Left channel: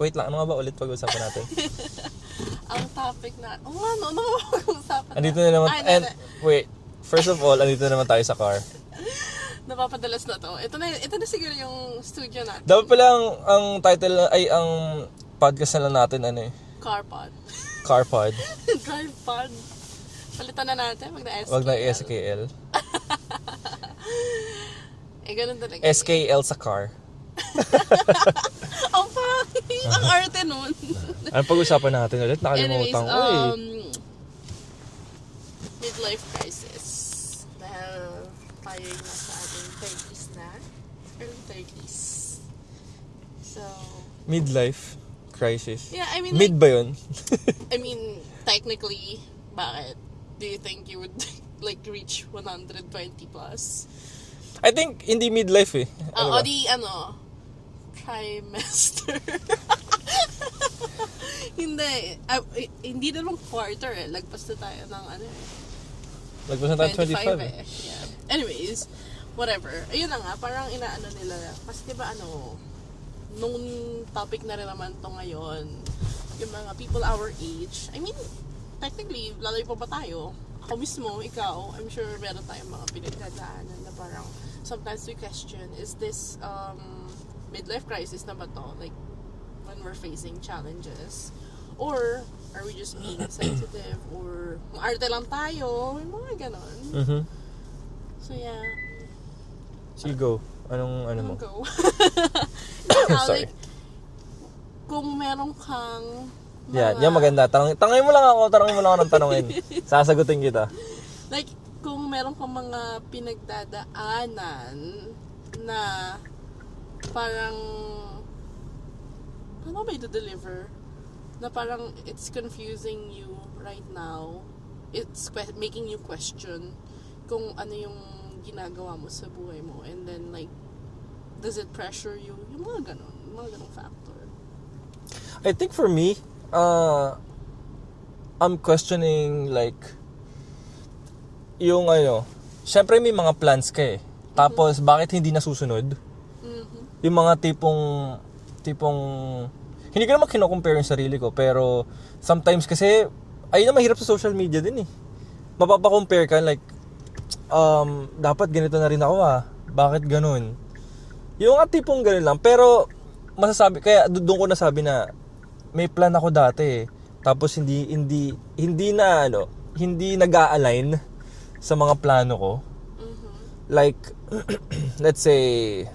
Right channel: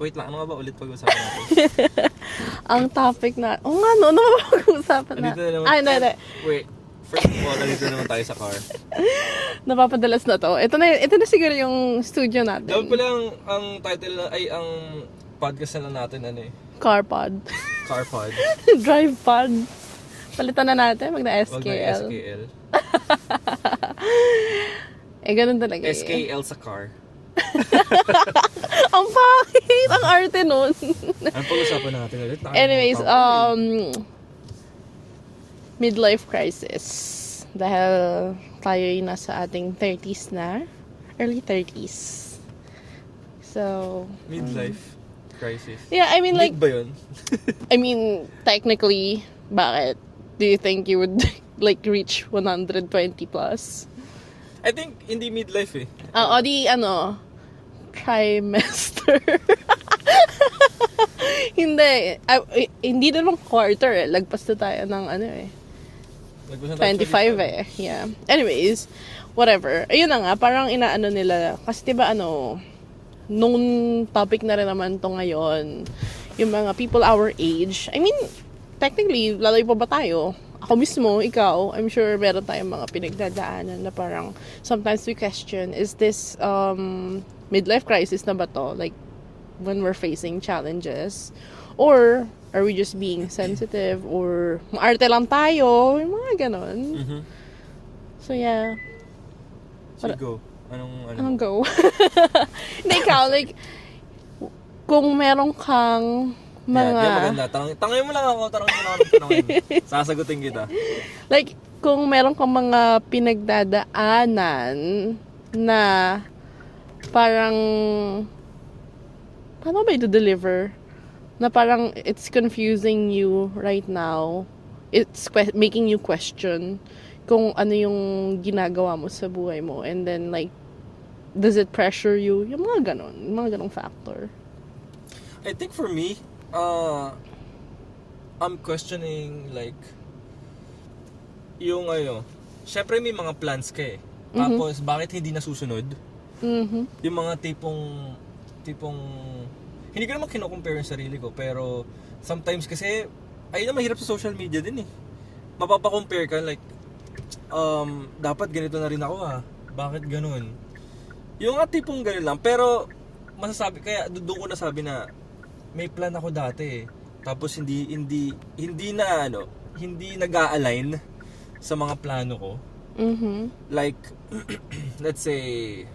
Wait lang, ano nga ba ulit pag-usapan natin? Ang topic na... ano ba pag-usapan na? Andito na naman. Hindi. Wait, first of all, andito na naman tayo sa car. Napapadalas na to. Ito na siguro yung studio natin. Dapat pala ang title ay ang podcast na lang natin Car pod. Car Pod. Drive pod. Palitan na natin, mag na SKL. Wag na SKL. Ganun talaga SKL sa car. Ang pangit! Ang arte nun. Ano pag-usapan natin ulit? Anyways, midlife crisis. Dahil tayo'y nasa ating 30s na. Early 30s. So... Midlife crisis. Yeah, I mean like... Mid ba yun? I mean, technically, bakit? Do you think you would like reach 120 plus? I think hindi midlife eh. Trimester. Hindi naman quarter eh. Lagpas na tayo ng Lagpas na tayo 25 eh. Yeah. Anyways, whatever. Ayun na nga, parang inaano nila. Kasi diba nung topic na rin naman to ngayon, yung mga people our age. I mean, technically, lalayo pa ba tayo? Ako mismo, ikaw, I'm sure meron tayong mga pinagdadaanan na parang sometimes we question, is this midlife crisis na ba to? Like, when we're facing challenges? Or, are we just being sensitive? Or, maarte lang tayo? Yung mga ganon. Mm-hmm. So, yeah. Sige, go. Anong go? Hindi, ikaw, like, kung meron kang mga... Yan maganda. Tanungin mo lang ako ng tanungin. Sasagutin kita. Like, kung meron kang mga pinagdadaanan na parang... Paano ba i-deliver? Na parang it's confusing you right now. It's making you question kung ano yung ginagawa mo sa buhay mo. And then, like, does it pressure you? Yung mga ganong factor. I think for me, I'm questioning like yung syempre may mga plans ka eh. Tapos bakit hindi nasusunod? Mm-hmm. Yung mga tipong hindi ko naman kino-compare yung sarili ko, pero sometimes kasi ayun na mahirap sa social media din eh. Mapapa-compare ka like dapat ganito na rin ako Bakit ganun? Yung nga tipong ganun lang, pero masasabi kaya doon ko nasabi na may plan ako dati eh. Tapos hindi nag-a-align sa mga plano ko. Mm-hmm. Like let's say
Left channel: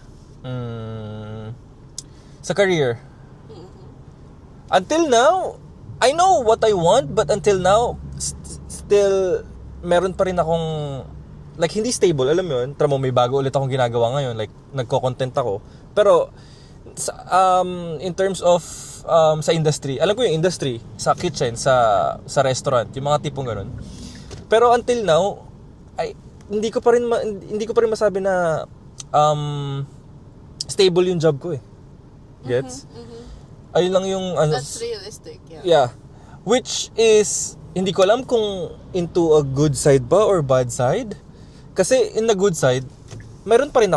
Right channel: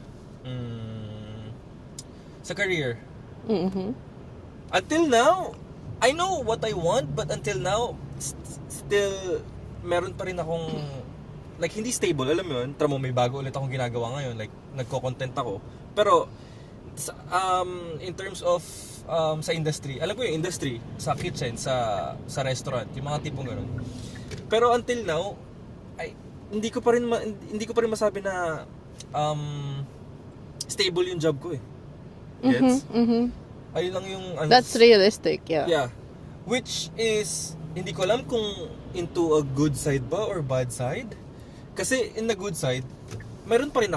sa career. Mm-hmm. Until now, I know what I want, but until now still meron pa rin akong like hindi stable, alam mo yun. May bago ulit akong ginagawa ngayon, like nagko-content ako. Pero in terms of sa industry, alam ko yung industry, sa kitchen, sa restaurant, yung mga tipong ganun. Pero until now, hindi ko pa rin masabi na stable yung job ko eh. Gets? Mm-hmm. Ayun lang yung That's realistic, yeah. Yeah. Which is hindi ko alam kung into a good side ba or bad side. Kasi in the good side, meron pa rin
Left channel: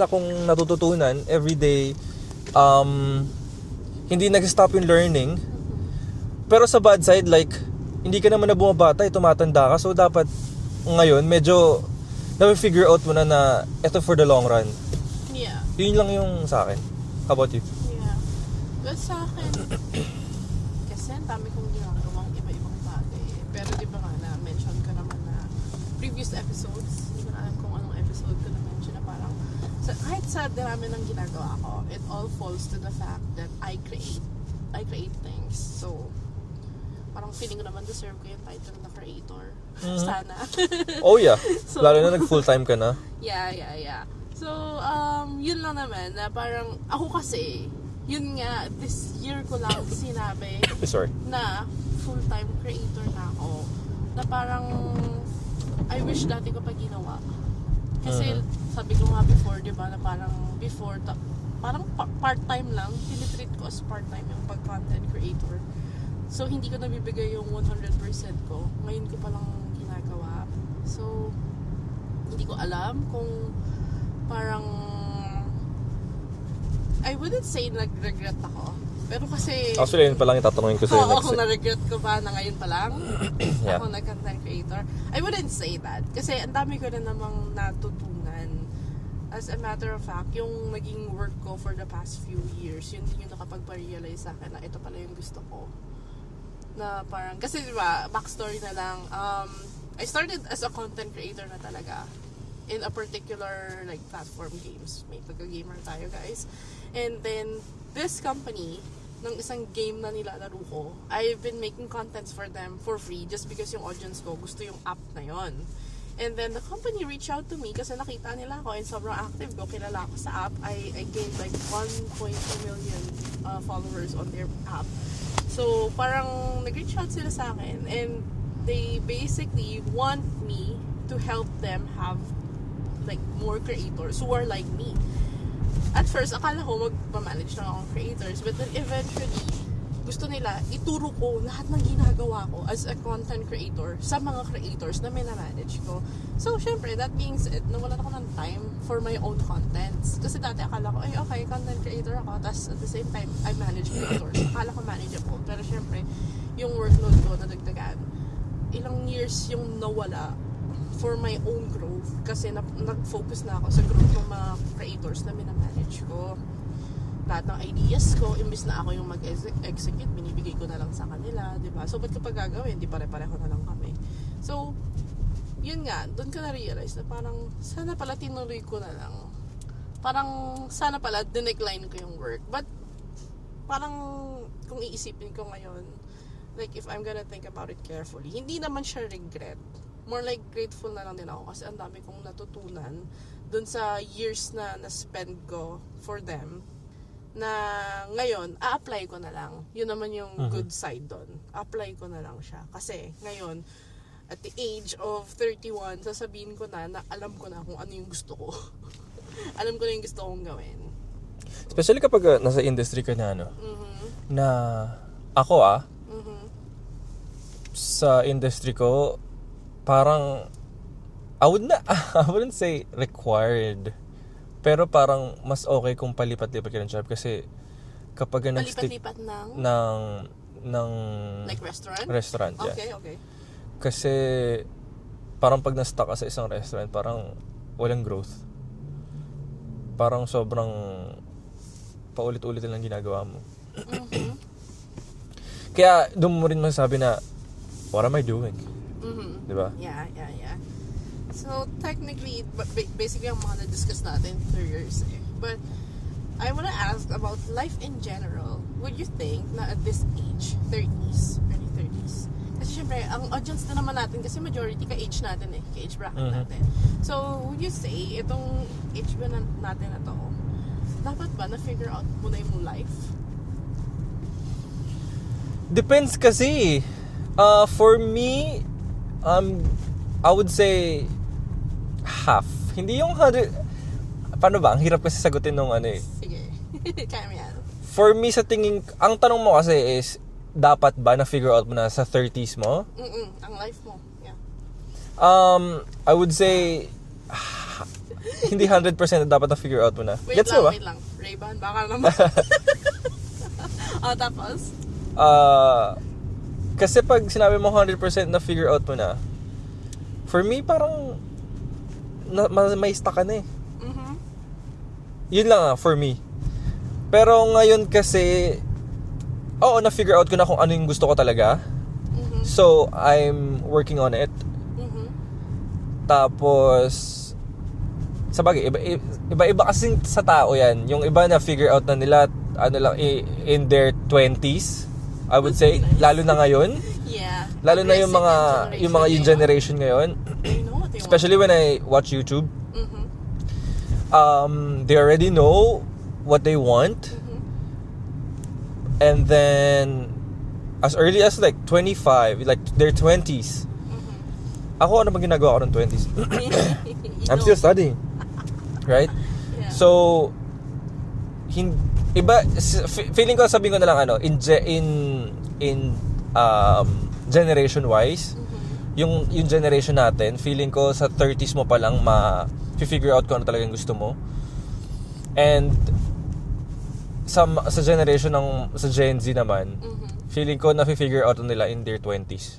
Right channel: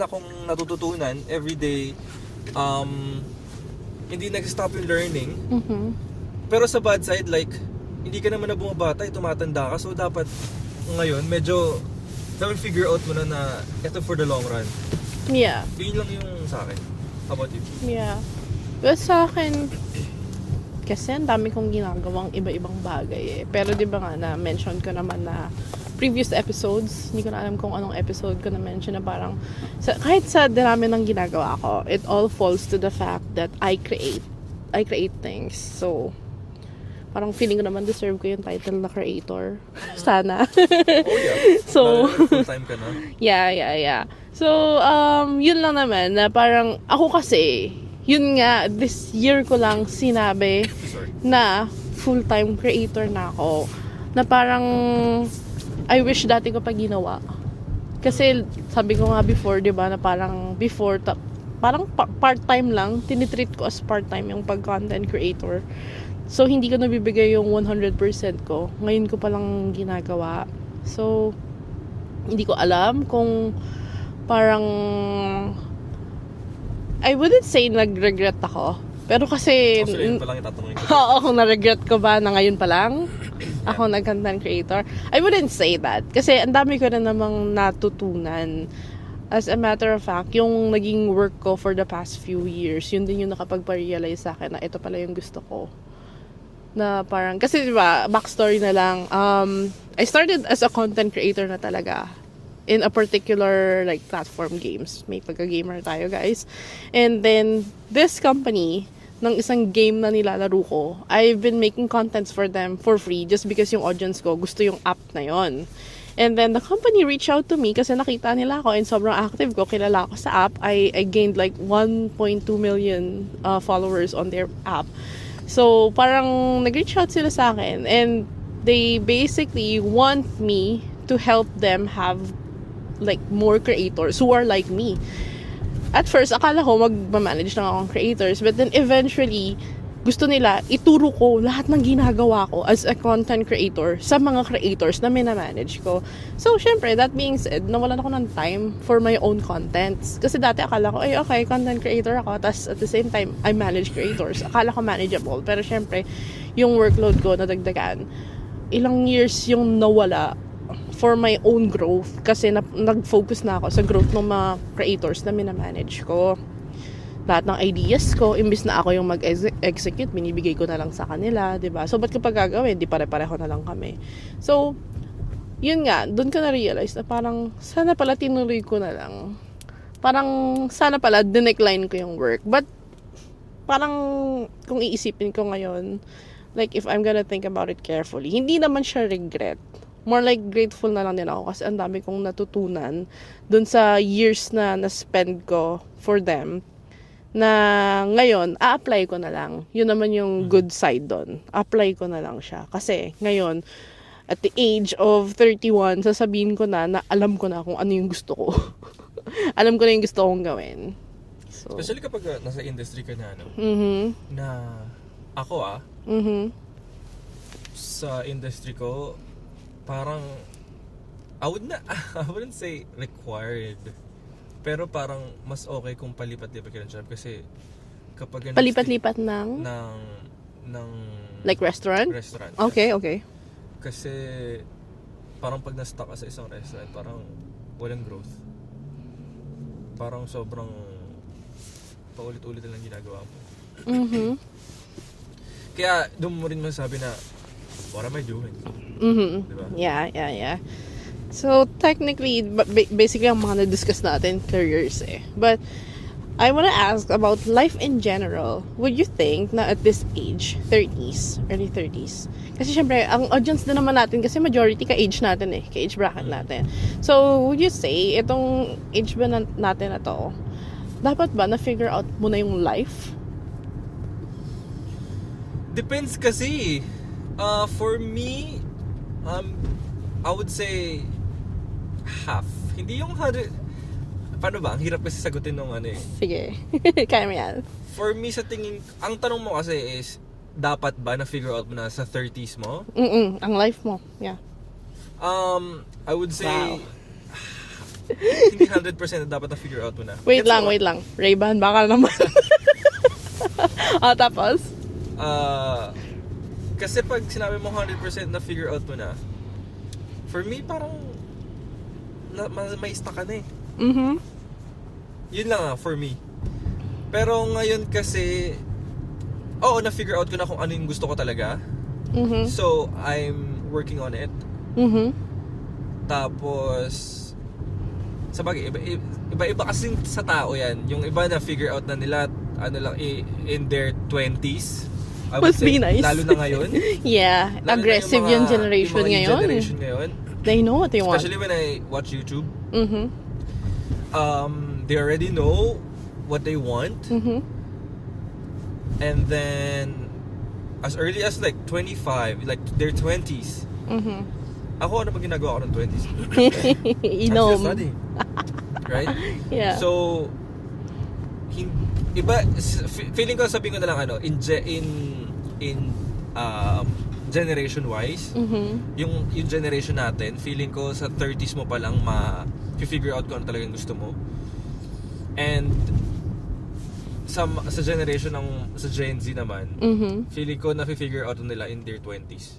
akong natututunan every day. Hindi nag-stop yung learning. Mm-hmm. Pero sa bad side, like, hindi ka naman na bumabata, tumatanda ka. So, dapat ngayon, medyo na-figure out mo na ito for the long run. Yeah. Yun lang yung sa akin. How about you? Yeah. But sa akin, kasi ang dami kong ginagawang iba-ibang bagay eh. Pero di ba nga na-mention ko naman na previous episodes, hindi ko na alam kung anong episode ko na-mention na parang kahit sa dami ng ginagawa ko, it all falls to the fact that I create things. So, parang feeling ko naman deserve ko yung title na creator. Sana. Oh yeah. So, lalo na full-time ka na. Yeah. So, yun lang naman na parang ako kasi, yun nga, this year ko lang sinabi na full-time creator na ako. Na parang I wish dati ko pa ginawa. Kasi sabi ko nga before, 'di ba, na parang before parang part-time lang, tinitreat ko as part-time yung pag-content creator. So hindi ko nabibigay yung 100% ko. Ngayon ko pa lang ginagawa. So hindi ko alam kung parang I wouldn't say nag-regret ako, Pero kasi... Actually, yun pa lang itatanungin ko Oo, sa'yo. kung na-regret ko ba na ngayon pa lang Yeah. ako nag-content creator. I wouldn't say that. Kasi ang dami ko rin namang natutunan. As a matter of fact, yung naging work ko for the past few years, yun din yung nakapagpa-realize sa akin na ito pala yung gusto ko. Na parang, kasi diba, backstory na lang, I started as a content creator na talaga in a particular like platform games. May pagka-gamer tayo, guys. And then, this company, ng isang game na nilalaro ko, I've been making contents for them for free just because yung audience ko gusto yung app na yon. And then the company reached out to me kasi nakita nila ako and sobrang active ko, kilala ako sa app. I gained like 1.2 million followers on their app. So parang nag-reach out sila sa akin and they basically want me to help them have like more creators who are like me. At first, akala ko mag-manage lang akong creators, but then eventually, gusto nila ituro ko lahat ng ginagawa ko as a content creator sa mga creators na minamanage ko. So, syempre, that being said, nawalan ako ng time for my own contents. Kasi dati akala ko, ay okay, content creator ako, tas at the same time, I manage creators. Akala ko manageable. Pero syempre, yung workload ko nadagdagan. Ilang years yung nawala for my own growth kasi nag-focus na ako sa growth ng mga creators na minamanage ko. Lahat ng ideas ko, imbis na ako yung mag-execute, binibigay ko na lang sa kanila, 'di ba? So, ba't ko pa gagawin? Di pare-pareho na lang kami. So, yun nga, doon ko na-realize na parang, sana pala tinuloy ko na lang. Parang, sana pala dinecline ko yung work. But, parang, kung iisipin ko ngayon, like, if I'm gonna think about it carefully, hindi naman siya regret. More like grateful na lang din ako kasi ang dami kong natutunan dun sa years na na-spend ko for them na ngayon, a-apply ko na lang. Yun naman yung good side doon. Apply ko na lang siya. Kasi ngayon, at the age of 31, sasabihin ko na alam ko na kung ano yung gusto ko. Alam ko na yung gusto kong gawin. So, especially kapag nasa industry ka na, no? Na ako sa industry ko, parang I wouldn't say required, pero parang mas okay kung palipat-lipat ka ng job kasi kapag palipat-lipat ng like restaurant? Restaurant. Okay, yeah. okay. Kasi parang pag na-stuck ka sa isang restaurant, parang walang growth. Parang sobrang paulit-ulit lang ginagawa mo. Kaya doon mo rin masasabi na, what am I doing? Diba? Yeah. So, technically, basically, ang mga na-discuss natin, careers eh. But, I wanna ask about life in general. Would you think na at this age, 30s, early 30s, kasi syempre, ang audience na naman natin, kasi majority ka-age natin eh, ka-age bracket natin. So, would you say, itong age ba natin na to, dapat ba na-figure out mo na yung life? Depends kasi. For me, I would say half. Hindi yung 100. Paano ba? Ang hirap kasi sagutin nung ano eh. Sige. Kaya mo yan. For me, sa tingin, ang tanong mo kasi is, dapat ba na-figure out mo na sa 30s mo? Ang life mo. Yeah. I would say, hindi 100% na dapat na-figure out mo na. Wait Gets lang. mo ba? Ray-Ban, baka naman. Tapos? Kasi pag sinabi mo 100% na figure out mo na, for me, parang may stuck ka na eh. Yun lang for me. Pero ngayon kasi, na-figure out ko na kung ano yung gusto ko talaga. So, I'm working on it. Tapos, sa bagay, iba kasi sa tao yan. Yung iba na-figure out na nila, in their 20s. I would Must say, be nice. lalo na ngayon. Yeah, Lalo aggressive na yung generation yung mga ngayon. generation ngayon. They know what they want. Especially when I watch YouTube. They already know what they want. And then, as early as like 25, like their 20s. Ako, ano bang ginagawa ko ng 20s? I'm still studying. Right? Yeah. So, iba, feeling ko, sabihin ko na lang in generation wise, yung generation natin, feeling ko sa 30s mo pa lang figure out kung ano talagang gusto mo. And sa generation sa Gen Z naman, Mhm. feeling ko na-figure out nila in their 20s.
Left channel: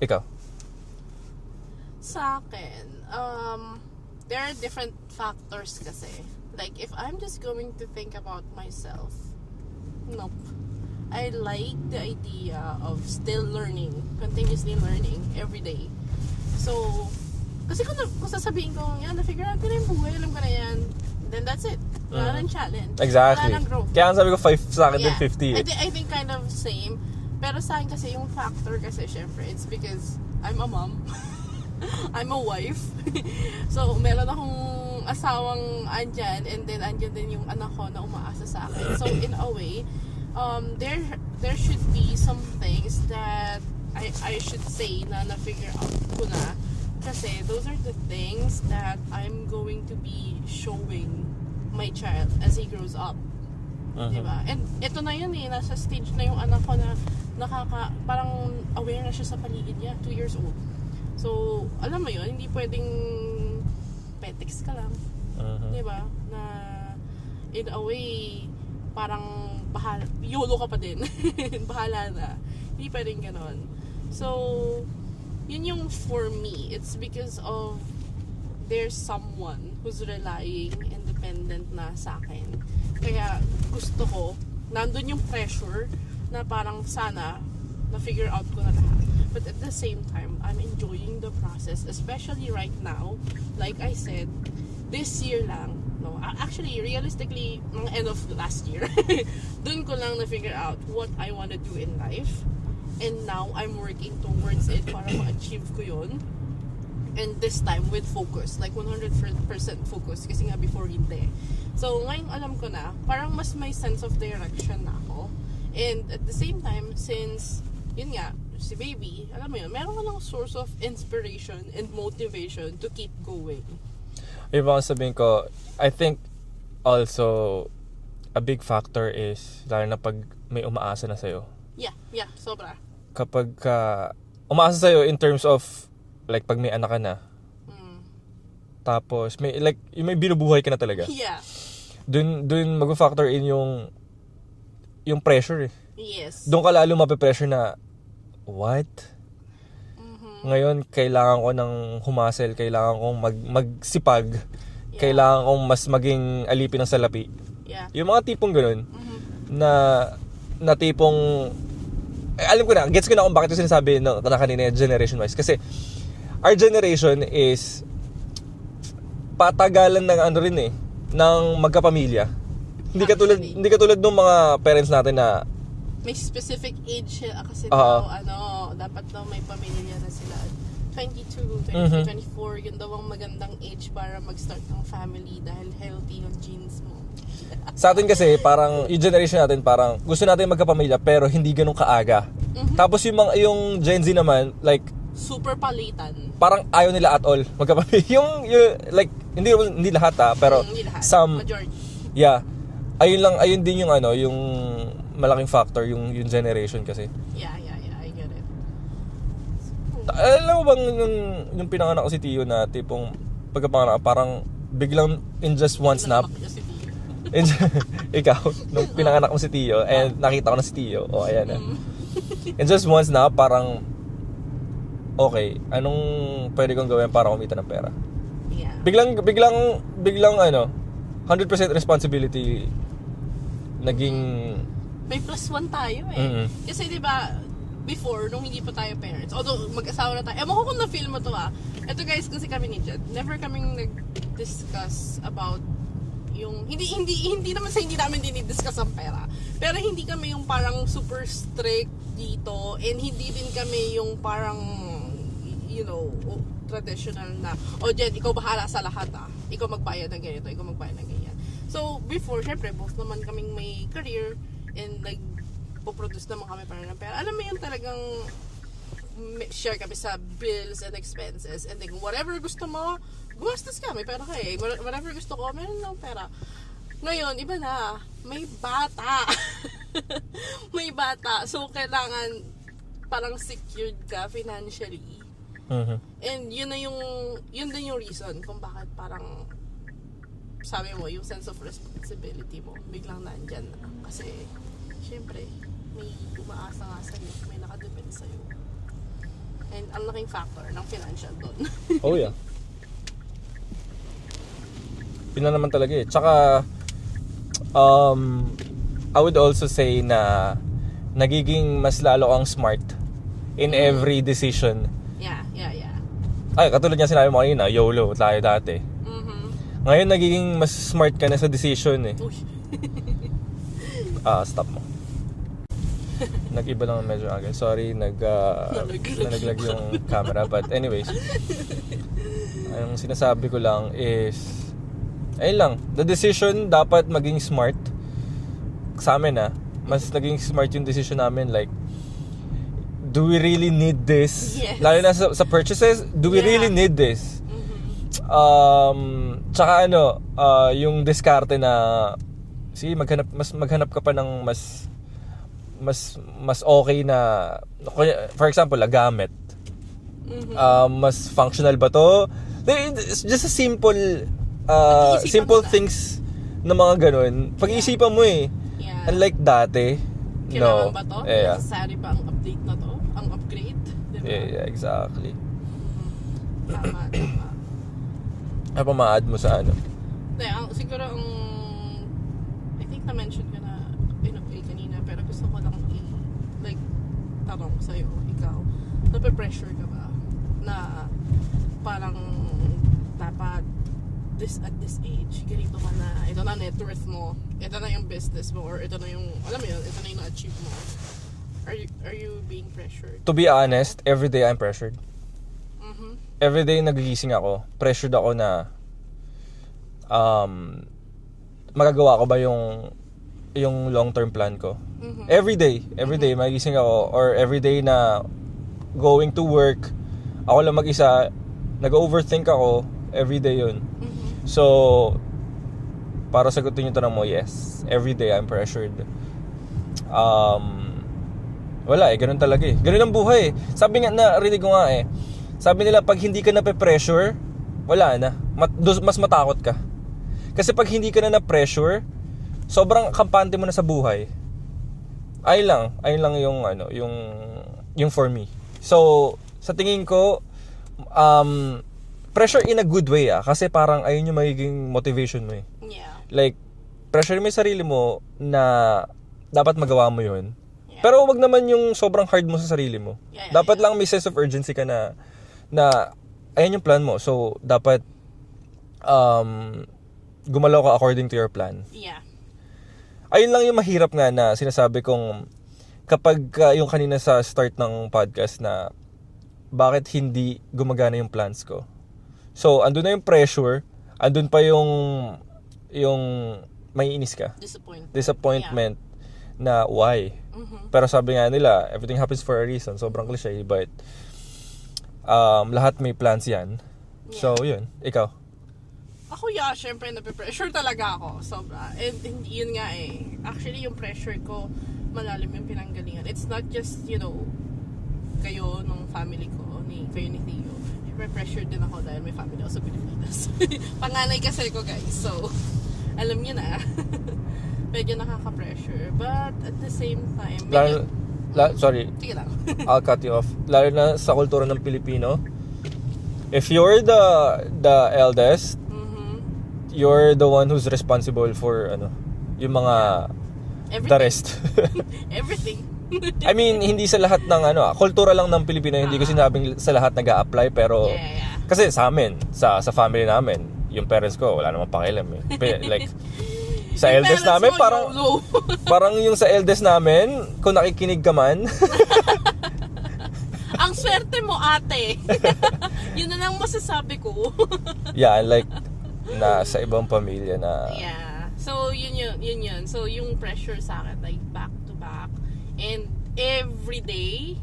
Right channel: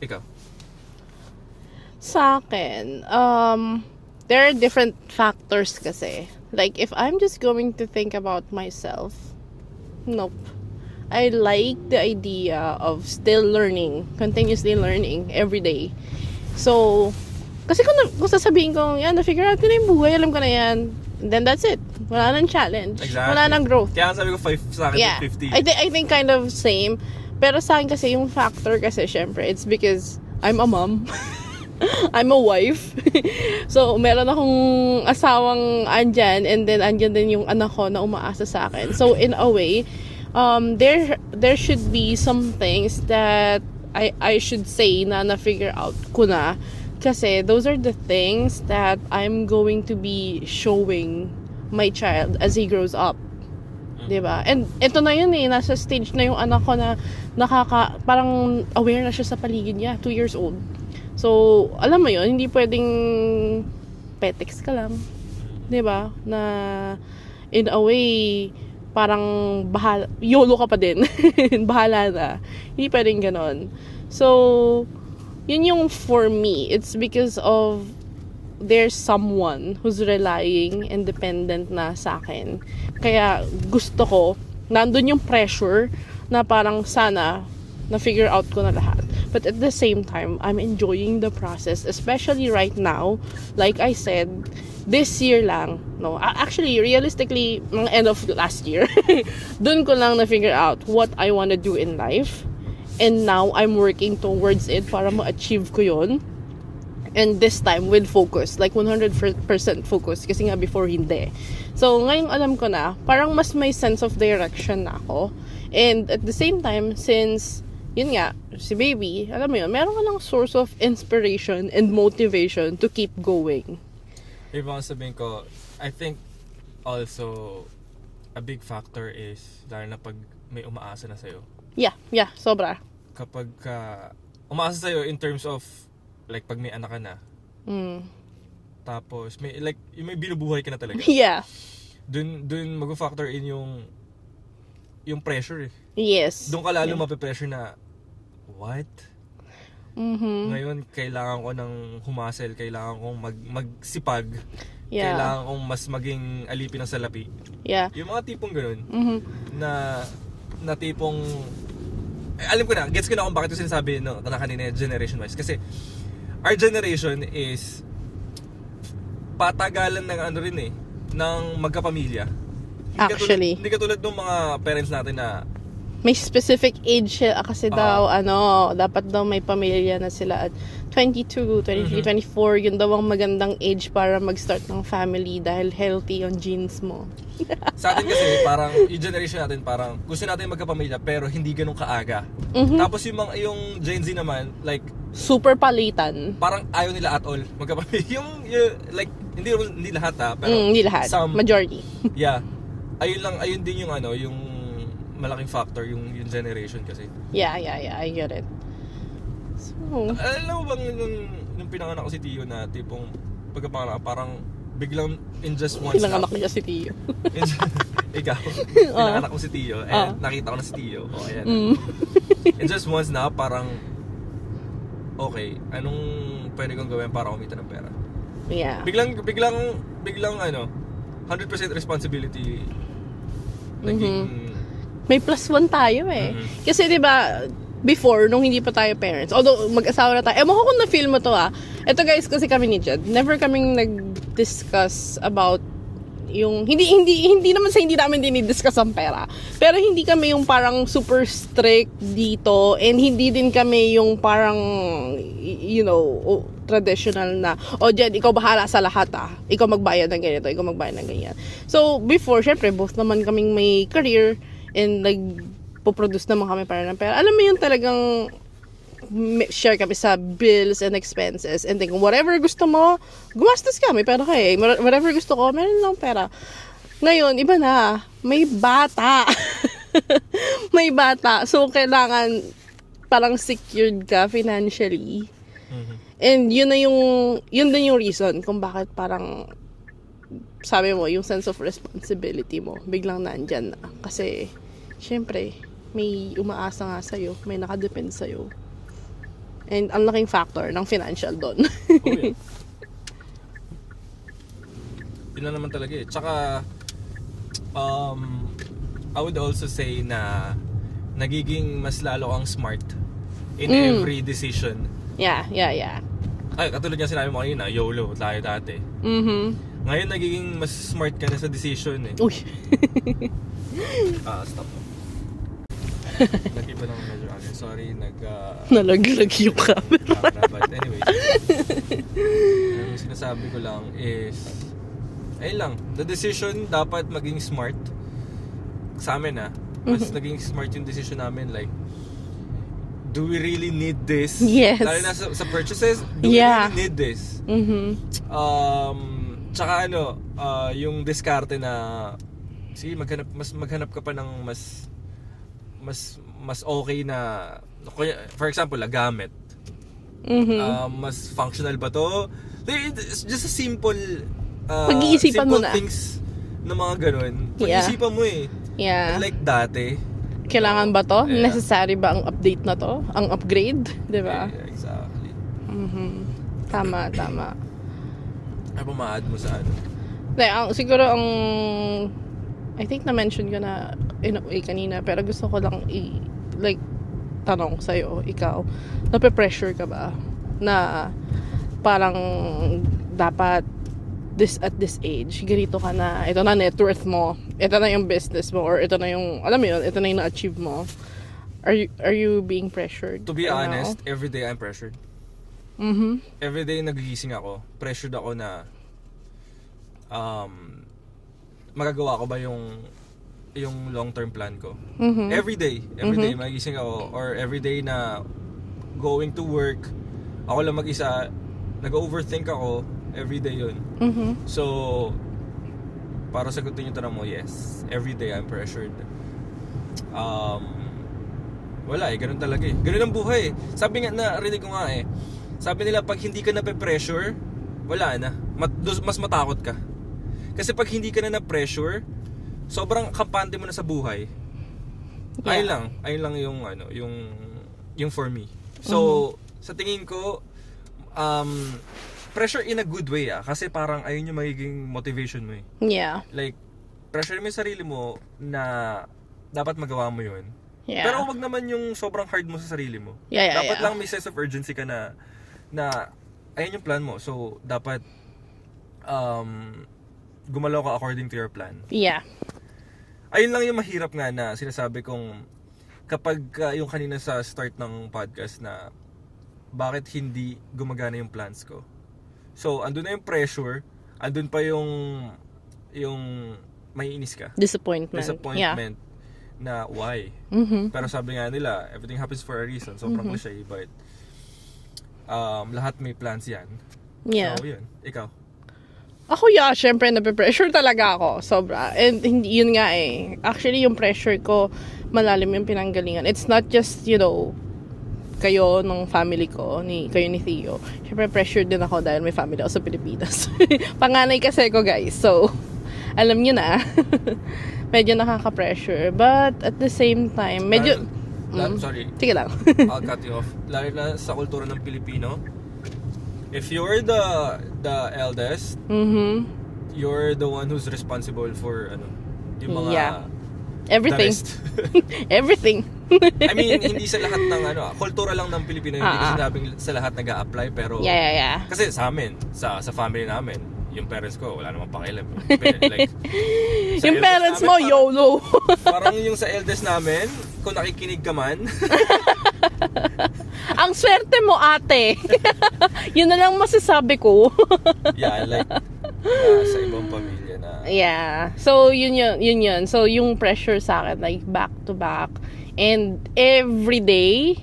Ikaw? Sa akin, there are different factors kasi. Like, if I'm just going to think about myself, nope. I like the idea of still learning, continuously learning every day. So, kasi kung sasabihin ko, yan, na-figure out ko na yung buhay, alam ko na yan, then that's it. Wala nang challenge. Exactly. Wala nang growth. Kaya ang sabi ko, 5 sa akin, Yeah. 50. I think kind of same. Pero sa akin kasi yung factor kasi syempre, it's because I'm a mom. I'm a wife. So, meron akong asawang andyan, and then andyan din yung anak ko na umaasa sa akin. So, in a way, there should be some things that I should say na figure out ko na. Kasi those are the things that I'm going to be showing my child as he grows up. Diba? And ito na yun eh, nasa stage na yung anak ko na parang aware na siya sa paligid niya, 2 years old. So, alam mo yun, hindi pwedeng petex ka lang. Diba? Na in a way, parang YOLO ka pa din. Bahala na. Hindi pwedeng ganon. So, yun yung for me. It's because of there's someone who's relying and dependent na sa akin. Kaya gusto ko, nandun yung pressure na parang sana na-figure out ko na lahat. But at the same time, I'm enjoying the process, especially right now. Like I said, this year lang, no, actually, realistically, mga end of last year, dun ko lang na-figure out what I wanna do in life. And now, I'm working towards it para ma-achieve ko yun. And this time, with focus. Like, 100% focus. Kasi nga, before, hindi. So, ngayon alam ko na, parang mas may sense of direction na ako. And at the same time, since, yun nga, si baby, alam mo yun, meron ka ng source of inspiration and motivation to keep going. Yung mga sabihin ko, I think also a big factor is lalo na pag may umaasa na sa'yo. Yeah, sobra. Kapag umaasa sa'yo in terms of like pag may anak ka na, tapos may like yung may binubuhay ka na talaga. Yeah. Dun mag-factor in yung pressure eh. Yes. Doon ka lalo mape-pressure na what? Ngayon kailangan ko ng humasel, kailangan kong magsipag. Yeah. Kailangan kong mas maging alipin ng salapi. Yeah. Yung mga tipong ganun na tipong alam ko na, gets ko na kung bakit yung sinasabi na kanina generation wise. Kasi our generation is patagalan ng ano rin eh, ng magkapamilya. Hindi katulad ng mga parents natin na may specific age siya kasi daw, dapat daw may pamilya na sila at 22, 23, 24, yun daw ang magandang age para mag-start ng family dahil healthy yung genes mo. Sa atin kasi, parang, yung generation natin, parang gusto natin magkapamilya pero hindi ganun kaaga. Tapos yung Gen Z naman, like, super palitan. parang ayaw nila at all magkapamilya. Yung hindi lahat pero hindi lahat. Majority. Yeah. Ayun din yung yung malaking factor yung generation kasi. Yeah, I get it. So, Alam mo bang yung pinanganak ko si Tio na tipong pagkapanganak parang biglang in just one snap. pinanganak niya si Tio. Ikaw, pinanganak ko si Tio and nakita ko na si Tio. Oh, ayan. In just one snap parang okay, anong pwede kong gawin para kumita ng pera? Yeah. Biglang 100% responsibility naging May +1 tayo eh. Kasi 'di ba before, nung hindi pa tayo parents, although mag-asawa na tayo, ewan ko kung na-feel mo to Ito guys, kasi kami ni Jed, never kaming nag-discuss about yung, hindi naman sa hindi namin dinidiscuss ang pera. Pero hindi kami yung parang super strict dito, and hindi din kami yung parang, traditional na, Jed, ikaw bahala sa lahat Ikaw magbayad ng ganito, ikaw magbayad ng ganyan. So, before, syempre, both naman kaming may career, and nagpo-produce naman kami para ng pera. Alam mo yun talagang share kami sa bills and expenses, and then whatever gusto mo, gumastos ka, may pera ka eh. Whatever gusto ko, meron lang pera. Ngayon, iba na. May bata. May bata. So, kailangan parang secured ka financially. And yun din yung reason kung bakit parang sabi mo, yung sense of responsibility mo, biglang nandyan na. Kasi, syempre, may umaasa nga sa'yo, may nakadepend sa'yo. And ang laking factor ng financial doon. Oh, yeah. Yun na naman talaga eh. Tsaka, I would also say na nagiging mas lalo kang smart in every decision. Yeah. Ay, katulad nga sinabi mo kanina, YOLO tayo dati. Ngayon nagiging mas smart ka na sa decision eh. Uy. Stop mo. Nag-iba lang medyo agad. Sorry, Nalaglag yung camera. But anyways, ang sinasabi ko lang is, ayun lang, the decision dapat maging smart. Sa amin mas naging smart yung decision namin. Like, do we really need this? Yes. Lalo na sa purchases, do we really need this? Tsaka yung diskarte na, sige, maghanap ka pa ng mas okay na, for example, gamit. Mas functional ba to? It's just a simple simple things na mga ganun. Pag-isipan mo eh. Yeah. Unlike dati. Kailangan ba to? Yeah. Necessary ba ang update na to? Ang upgrade? Diba? Yeah, exactly. Tama. Ano pa ma-add mo sa ano? Siguro I think na-mention ko na in a way kanina, pero gusto ko lang tanong sa'yo, ikaw, nape-pressure ka ba na parang dapat at this age, ganito ka na, ito na net worth mo, ito na yung business mo, or ito na yung, alam mo yun, ito na yung na-achieve mo. Are you being pressured? To be honest, every day I'm pressured. Every day nagigising ako, pressured ako na magagawa ko ba yung long-term plan ko. Every day magising ako, or every day na going to work, ako lang mag-isa, nag-overthink ako, every day yun. So, para sagutin yung tanong mo, yes, every day I'm pressured. Wala ganun talaga eh. Ganun ang buhay eh. Sabi nga, narinig ko nga eh, sabi nila, pag hindi ka nape-pressure, wala na. Mas matakot ka. Kasi pag hindi ka na-pressure, sobrang kampante mo na sa buhay. Yeah. Ayun lang yung for me. So, sa tingin ko, pressure in a good way kasi parang ayun yung magiging motivation mo eh. Yeah. Like, pressure mo yung sarili mo na dapat magawa mo yun. Yeah. Pero wag naman yung sobrang hard mo sa sarili mo. Yeah, dapat lang may sense of urgency ka na ayun yung plan mo. So, dapat gumalaw ka according to your plan. Yeah. Ayun lang yung mahirap nga na sinasabi kong kapag yung kanina sa start ng podcast na bakit hindi gumagana yung plans ko. So, andun na yung pressure, andun pa yung may inis ka. Disappointment na why. Pero sabi nga nila, everything happens for a reason. Sobrang cliche, but lahat may plans yan. Yeah. So, yun. Ikaw? Ako, syempre, nape-pressure talaga ako. Sobra. And hindi, yun nga eh. Actually, yung pressure ko, malalim yung pinanggalingan. It's not just, kayo ng family ko, kayo ni Theo. Syempre, pressured din ako dahil may family ako sa Pilipinas. Panganay kasi ko, guys. So, alam nyo na. Medyo nakaka-pressure. But, at the same time, medyo... Sorry. Sige lang. I'll cut you off. Lalo na sa kultura ng Pilipino, if you're the eldest, you're the one who's responsible for yung mga everything. the rest. Everything. I mean, hindi sa lahat ng kultura lang ng Pilipino, hindi ko sinabing sa lahat nag-a-apply, pero Yeah. kasi sa amin, sa family namin, yung parents ko wala namang pakialam eh. Like, sa yung eldest parents namin, mo, YOLO. parang yung sa eldest namin, kung nakikinig ka man, ang swerte mo, ate. Yun na lang masasabi ko. yeah, like sa ibang pamilya na Yeah. So, yun. So, yung pressure sa akin, like, back to back. And every day,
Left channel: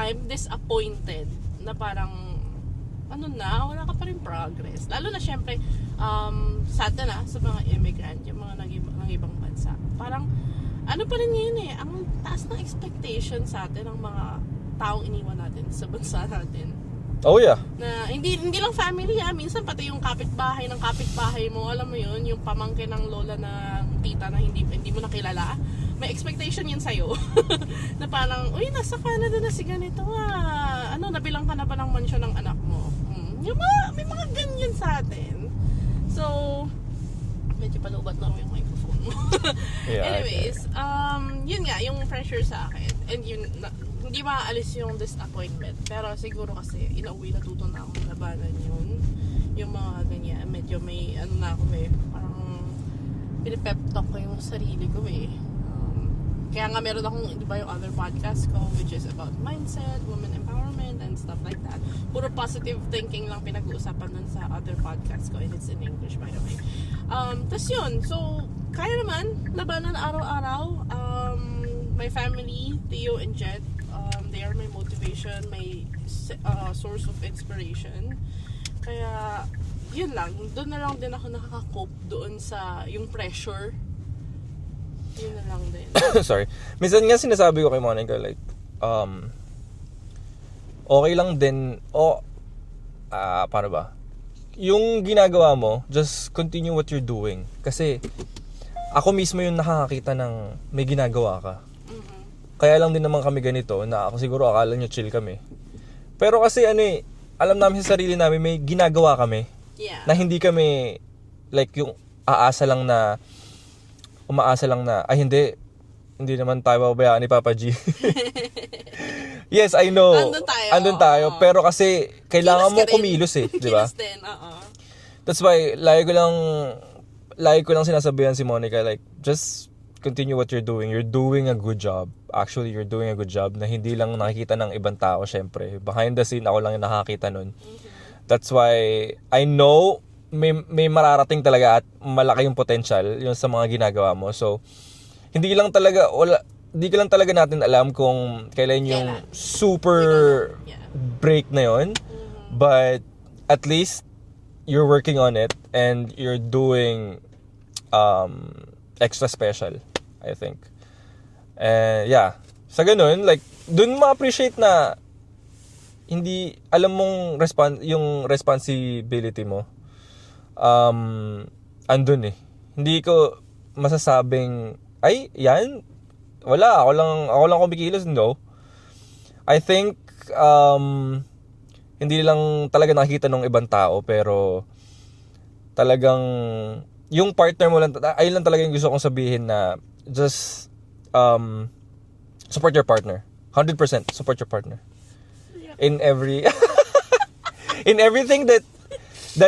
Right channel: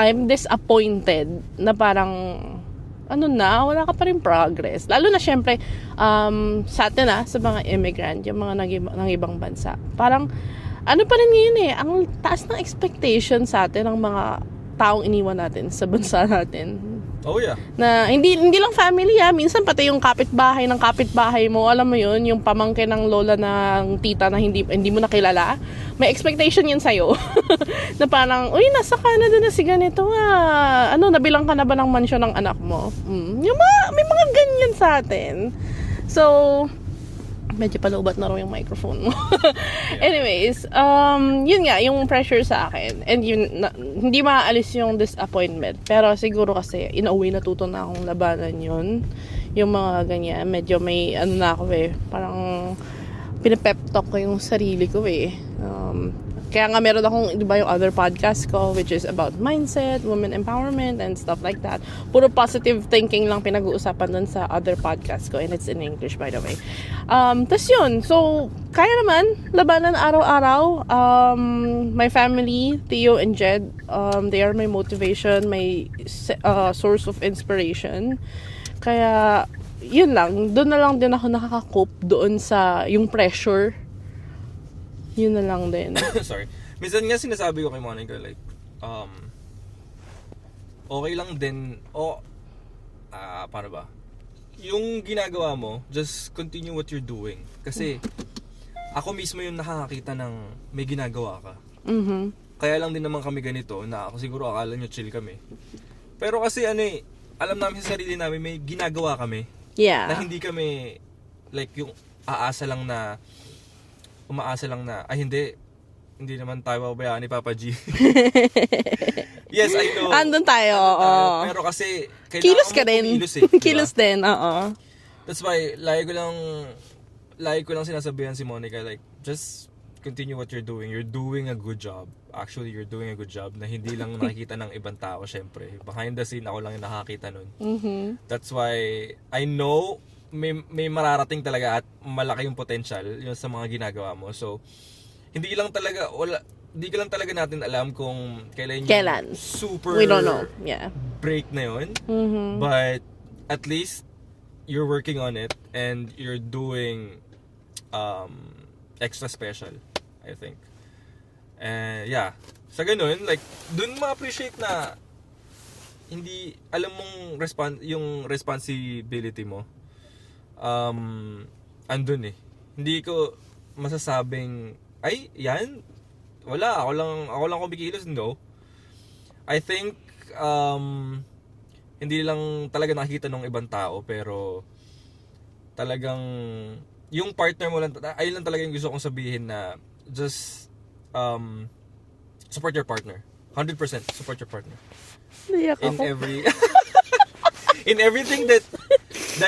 I'm disappointed na parang, wala ka pa rin progress. Lalo na, syempre, sa atin sa mga immigrant, yung mga ng ibang bansa. Parang, pa rin ngayon eh, ang taas ng expectation sa atin ng mga taong iniwan natin sa bansa natin. Oh yeah. Na hindi lang family minsan pati yung kapitbahay ng kapitbahay mo, alam mo yun, yung pamangkin ng lola ng tita na hindi mo nakilala, may expectation yun sa'yo. Na parang, uy, nasa Canada na si ganito nabilang ka na ba ng mansyon ng anak mo? May mga ganyan sa atin. So, medyo palubat na raw yung microphone mo. Yeah. Anyways, yun nga, yung pressure sa akin. And hindi maaalis yung disappointment. Pero siguro kasi, in a way, natuto na akong labanan yun. Yung mga ganyan, medyo may, na ako parang pinapep talk ko yung sarili ko Kaya nga meron akong, di ba, yung other podcast ko, which is about mindset, women empowerment, and stuff like that. Puro positive thinking lang pinag-uusapan dun sa other podcast ko, and it's in English, by the way. Tas yun, so, kaya naman, labanan araw-araw. My family, Theo and Jed, they are my motivation, my source of inspiration. Kaya, yun lang, doon na lang din ako nakaka-cope doon sa yung pressure. Yun na lang din. Sorry. Minsan nga sinasabi ko kay Monica, like, okay lang din, paano ba? Yung ginagawa mo, just continue what you're doing. Kasi, ako mismo yung nakakakita ng may ginagawa ka. Mm-hmm. Kaya lang din naman kami ganito, na ako siguro akala nyo chill kami. Pero kasi alam namin sa sarili namin, may ginagawa kami. Yeah. Na hindi kami, like, yung umaasa lang na, ay hindi naman tayo babayaan ni Papa G. Yes, I know. Andun tayo. Pero kasi, kailangan mo kumilos diba? Kilos din, oo. That's why, lagi ko lang sinasabihan si Monica, like, just continue what you're doing. You're doing a good job. Actually, you're doing a good job na hindi lang nakikita ng ibang tao, syempre. Behind the scene, ako lang yung nakakita nun. Mm-hmm. That's why, I know, may mararating talaga at malaki yung potential yung sa mga ginagawa mo. So, hindi ko lang talaga natin alam kung kailan yung super We don't know. Yeah. break na yun. Mm-hmm. But at least you're working on it and you're doing extra special, I think. Yeah. Sa ganun, like, dun ma-appreciate na hindi alam mong yung responsibility mo. Andun Hindi ko masasabing, ay, yan, wala, ako lang kumikilos, no. I think, hindi lang talaga nakikita ng ibang tao, pero talagang, yung partner mo lang, ayun lang talaga yung gusto kong sabihin na, just, support your partner. 100% support your partner. In every, in everything that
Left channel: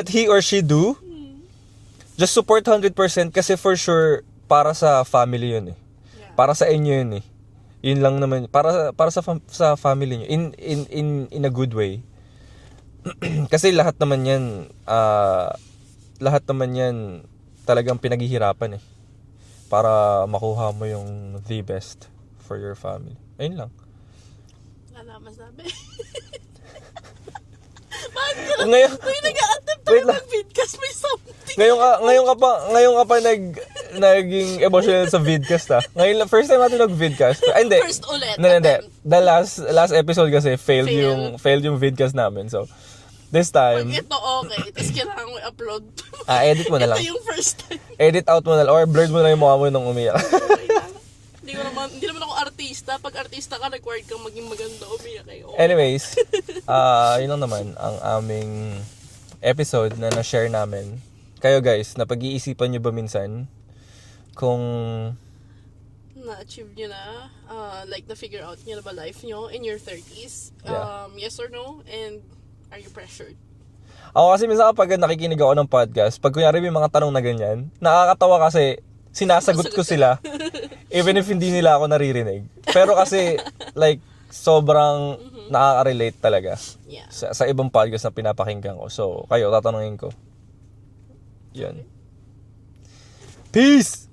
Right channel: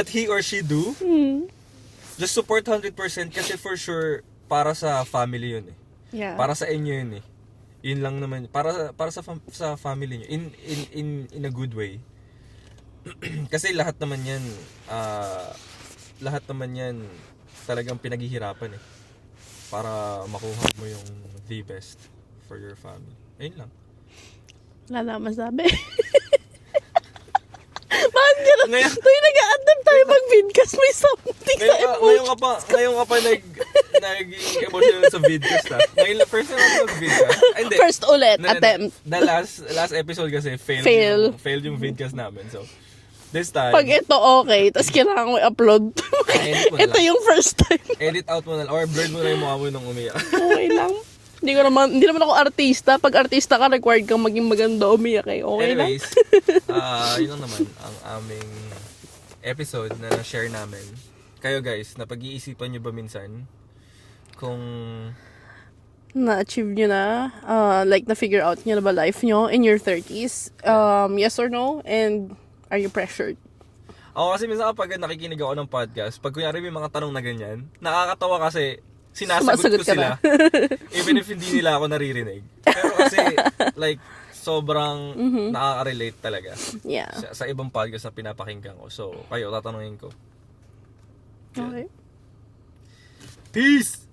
he or she do, just support 100% kasi for sure para sa family yun Yeah. Para sa inyo yun Yun lang naman para sa family niyo in a good way. Kasi lahat naman yan talagang pinaghihirapan para makuha mo yung the best for your family. Ayun lang. Wala na masabi. Bakit gano'n? Ngayon, nag-a-adapt tayo mag-vidcast, may something. Ngayon ka pa naging emotional sa vidcast first time natin mag-vidcast. Hindi. First ulit, attempt. The last episode kasi failed yung vidcast namin. So, this time, pag ito okay, tapos kailangan ko i-upload. edit mo na lang. Ito yung first time. Edit out mo na lang or blur mo na yung mukha mo nung umiyak. Okay lang. Hindi naman ako artista. Pag artista ka, required kang maging maganda umiyak Okay Anyways, yun lang naman ang aming episode na na-share namin. Kayo guys, napag-iisipan nyo ba minsan kung na-achieve nyo na, like na-figure out nyo na ba life nyo in your 30s? Yes or no? And are you pressured? Ako kasi minsan kapag nakikinig ako ng podcast, pag kunyari may mga tanong na ganyan, nakakatawa kasi sinasagot ko sila even if hindi nila ako naririnig. Pero kasi like sobrang nakaka-relate talaga sa ibang podcast na pinapakinggan ko. So, kayo, tatanungin ko. Yan. Okay. Peace!